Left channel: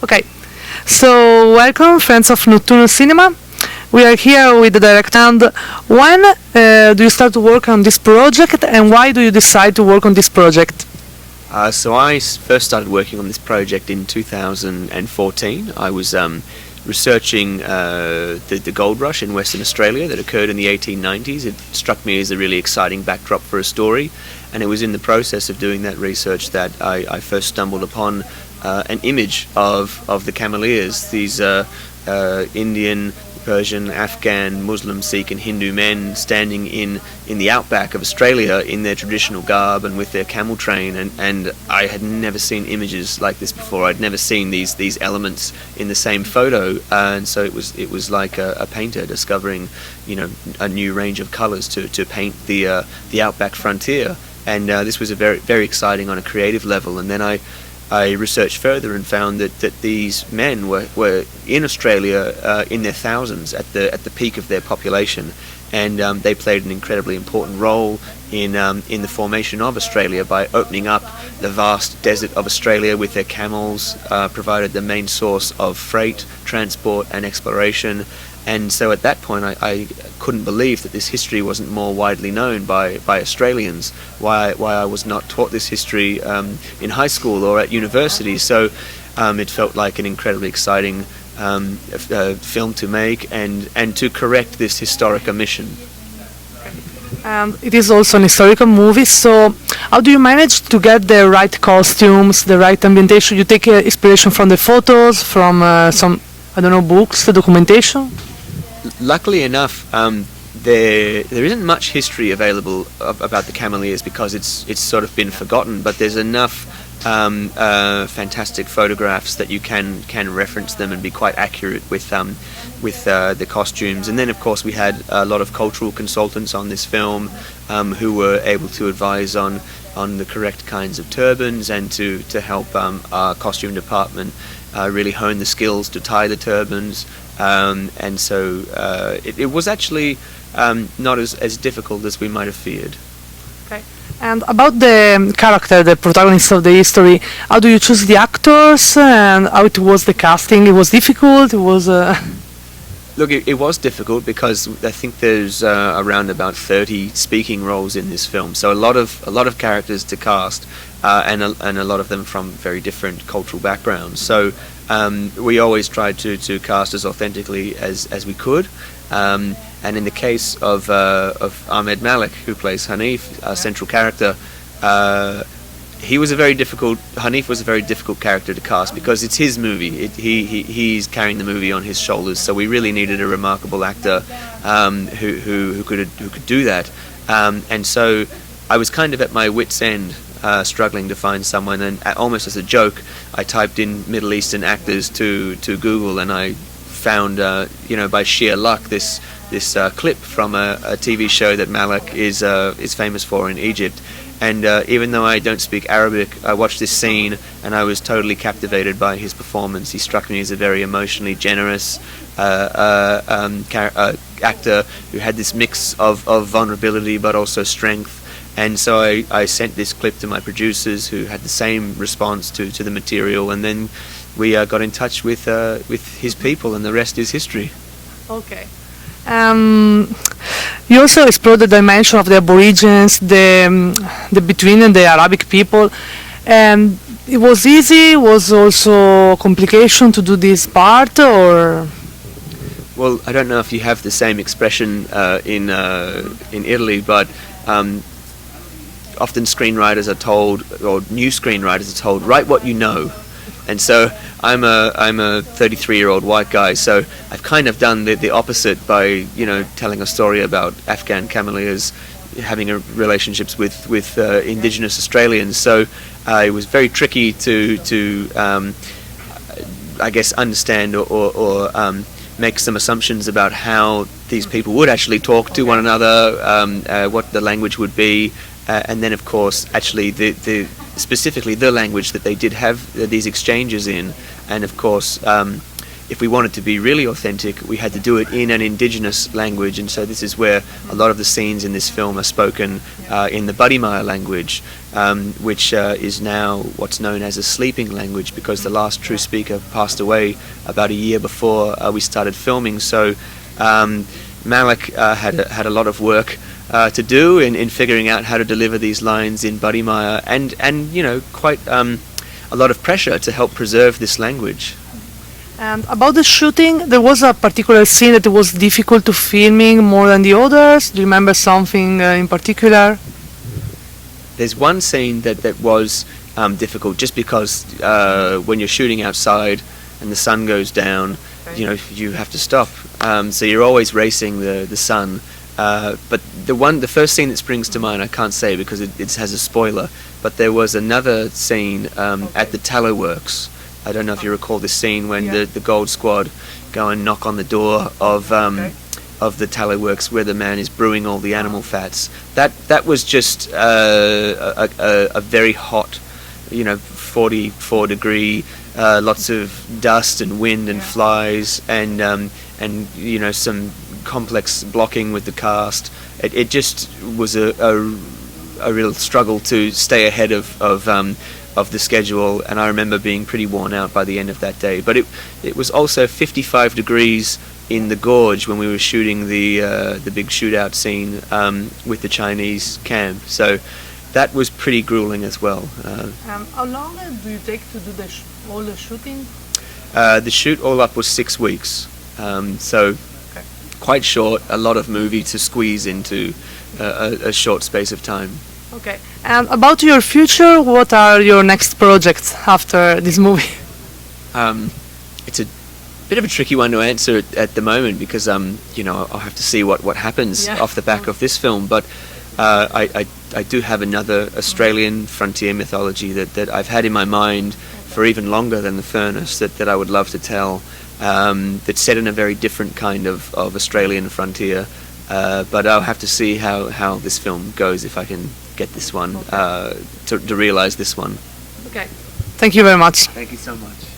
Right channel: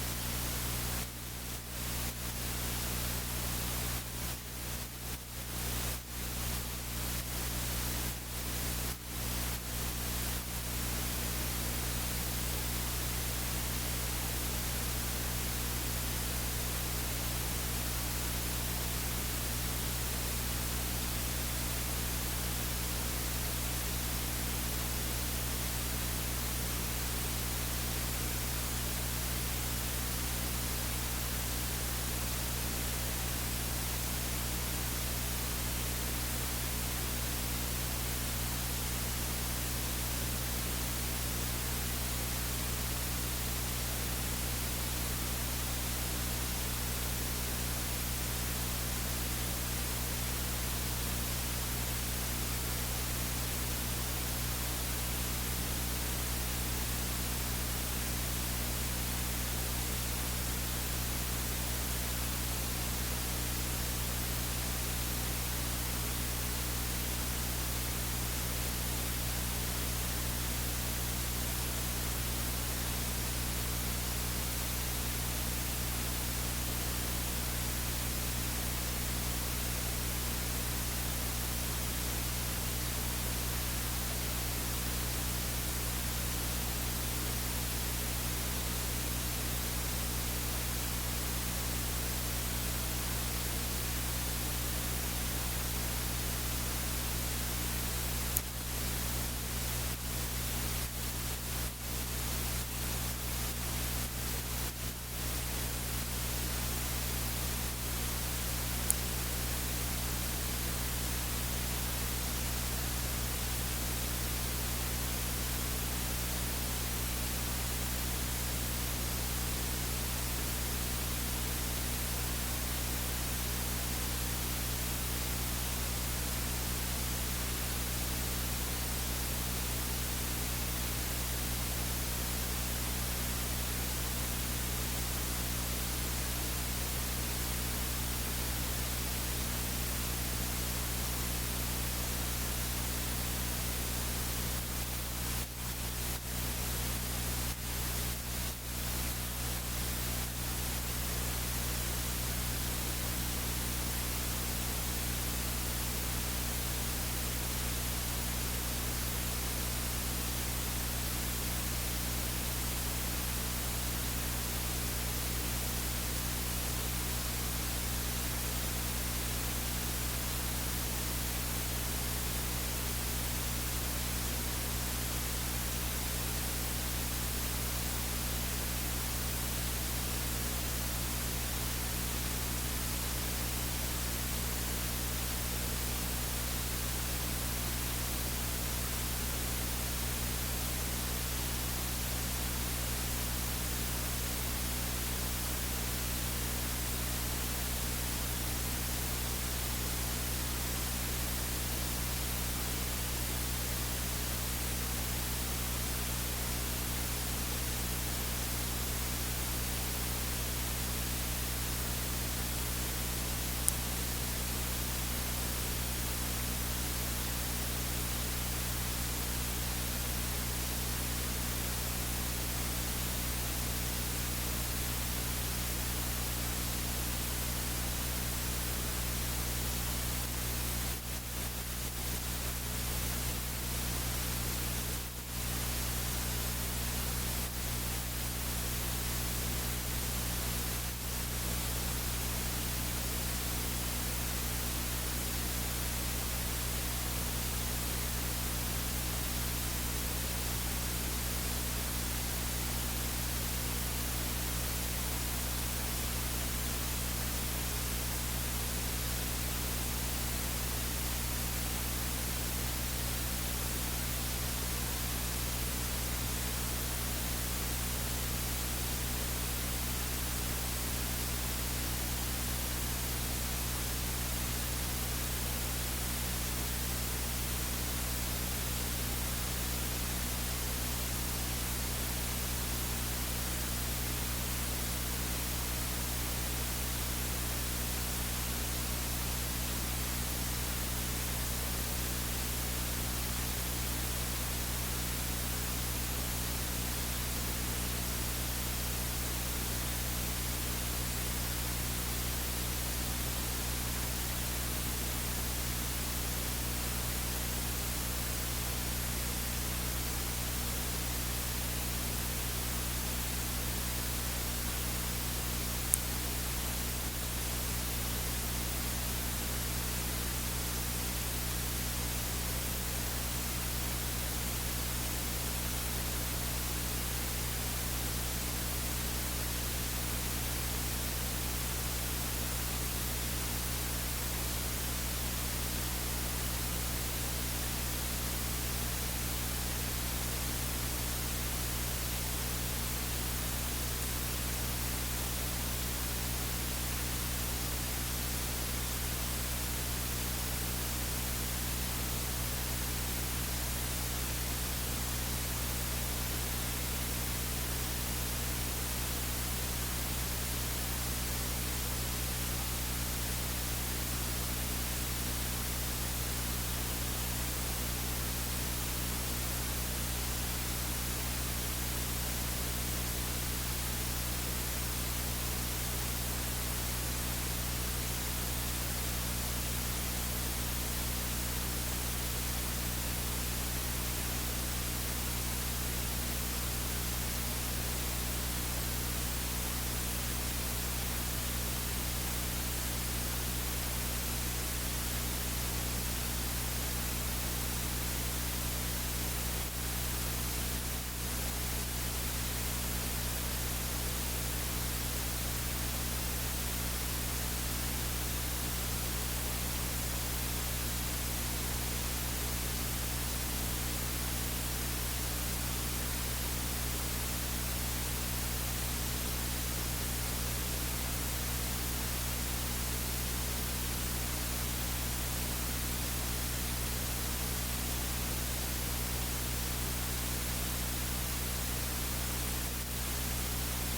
Okay, so welcome, friends of Nocturno Cinema. We are here with the director. And when do you start to work on this project, and why do you decide to work on this project? So I first started working on this project in 2014. I was researching the gold rush in Western Australia that occurred in the 1890s. It struck me as a really exciting backdrop for a story, and it was in the process of doing that research that I first stumbled upon an image of the Cameleers, these Indian, Persian, Afghan, Muslim, Sikh and Hindu men standing in the outback of Australia in their traditional garb and with their camel train, and I had never seen images like this before. I'd never seen these elements in the same photo, and so it was like a painter discovering, a new range of colours to paint the outback frontier, and this was a very exciting on a creative level. And then I researched further and found that these men were in Australia in their thousands at the peak of their population, and they played an incredibly important role in the formation of Australia by opening up the vast desert of Australia with their camels, provided the main source of freight, transport and exploration. And so at that point I couldn't believe that this history wasn't more widely known by Australians, why I was not taught this history in high school or at university. So it felt like an incredibly exciting film to make and to correct this historic omission. And it is also an historical movie, so how do you manage to get the right costumes, the right ambientation? You take inspiration from the photos, from some, books, the documentation? Luckily enough, there isn't much history available about the Cameleers because it's sort of been forgotten. But there's enough fantastic photographs that you can reference them and be quite accurate with the costumes. And then of course we had a lot of cultural consultants on this film who were able to advise on the correct kinds of turbans and to help our costume department really hone the skills to tie the turbans. And so it was actually not as difficult as we might have feared. Okay. And about the character, the protagonist of the history, how do you choose the actors and how it was the casting? It was difficult? It was... Look, it was difficult because I think there's around about 30 speaking roles in this film, so a lot of characters to cast, and a lot of them from very different cultural backgrounds. So we always tried to cast as authentically as we could, and in the case of Ahmed Malik, who plays Hanif, our central character, Hanif was a very difficult character to cast because it's his movie. He's carrying the movie on his shoulders, so we really needed a remarkable actor who could do that. And so I was kind of at my wit's end, struggling to find someone, and almost as a joke, I typed in Middle Eastern actors to Google, and I found, by sheer luck, this clip from a TV show that Malik is famous for in Egypt. And even though I don't speak Arabic, I watched this scene and I was totally captivated by his performance. He struck me as a very emotionally generous actor who had this mix of vulnerability but also strength. And so I sent this clip to my producers, who had the same response to the material, and then we got in touch with his people, and the rest is history. Okay. You also explored the dimension of the Aborigines, the between and the Arabic people, and it was easy. Was also a complication to do this part, or? Well, I don't know if you have the same expression in Italy, but often screenwriters are told, or new screenwriters are told, write what you know. And so I'm a 33-year-old white guy, so I've kind of done the opposite by telling a story about Afghan Cameleers having relationships with Indigenous Australians. So it was very tricky to I guess understand or make some assumptions about how these people would actually talk to one another, what the language would be, and then of course actually specifically the language that they did have these exchanges in. And of course if we wanted to be really authentic, we had to do it in an indigenous language, and so this is where a lot of the scenes in this film are spoken in the Badimaya language, which is now what's known as a sleeping language, because the last true speaker passed away about a year before we started filming. So Malik had a lot of work to do in figuring out how to deliver these lines in Badimaya, and you know, quite a lot of pressure to help preserve this language. And about the shooting, there was a particular scene that was difficult to filming more than the others. Do you remember something in particular? There's one scene that was difficult, just because when you're shooting outside and the sun goes down, you know, you have to stop. So you're always racing the sun. But the first scene that springs to mind, I can't say because it has a spoiler, but there was another scene at the tallow works. I don't know if you recall this scene when the Gold Squad go and knock on the door of the tallow works where the man is brewing all the animal fats. That was just a very hot, you know, 44 degree, lots of dust and wind and flies, and you know, some complex blocking with the cast. It just was a real struggle to stay ahead of the schedule, and I remember being pretty worn out by the end of that day. But it was also 55 degrees in the gorge when we were shooting the big shootout scene with the Chinese camp. So that was pretty grueling as well. How long do you take to do all the shooting? The shoot all up was 6 weeks. So quite short, a lot of movie to squeeze into a short space of time. Okay. And about your future, what are your next projects after this movie? It's a bit of a tricky one to answer at the moment, because you know, I'll have to see what happens off the back of this film. But I do have another Australian frontier mythology that I've had in my mind for even longer than The Furnace, that I would love to tell. That's set in a very different kind of Australian frontier. But I'll have to see how this film goes, if I can get this one, to realise this one. Okay. Thank you very much. Thank you so much.